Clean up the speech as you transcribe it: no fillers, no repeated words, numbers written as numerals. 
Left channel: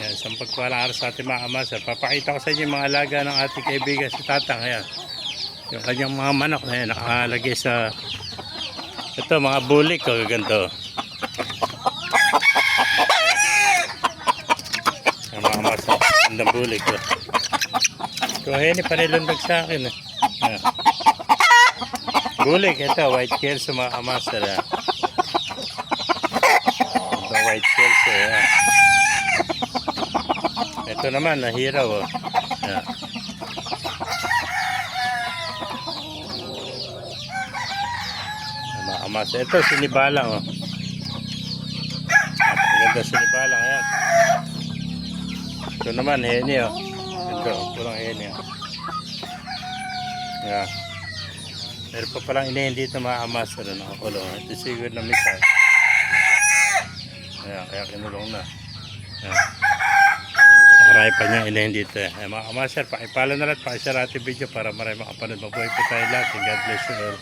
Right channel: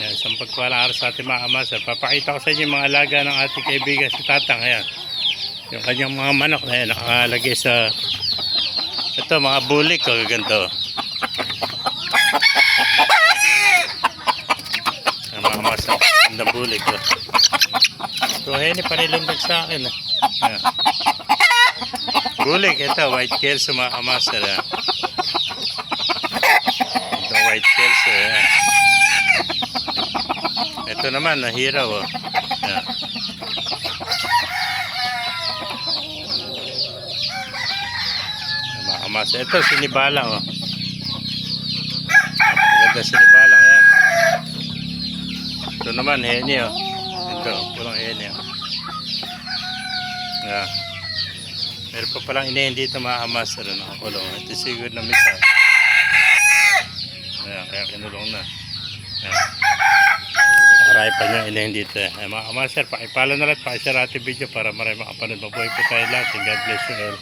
Yan, isang pagpalang araw sa ating mga amaser. Papakita ko sa inyo yung mga alaga ng ating kaibigan si Tatang. Ayan. Yung kanyang mga manok na yan, nakalagay sa ito, mga bulik o ganito. Ang mga amaser, ang bulik. Kung hindi pa nilundag sa akin. Ayan. Bulik, ito, white tails sa mga amaser. Ito, white tails. Ayan. Ito naman, nahiraw. Oh. Ayan. Mga amaser. Ito, sinibala. Oh. Maganda sinibala. Ayan. Ito naman, heni. Oh. Ito, pulang heni. Oh. Ayan. Meron pa palang inahin dito mga amaser. Nakakulong. Ito siguro na misa. Ayan, kaya kinulong na. Ayan. Marami pa niyang inahin dito. Ayan, mga amaser, pakipala na lang. Pakishare ating video para marami makapanood. Mabuhay po tayo lahat. God bless you all.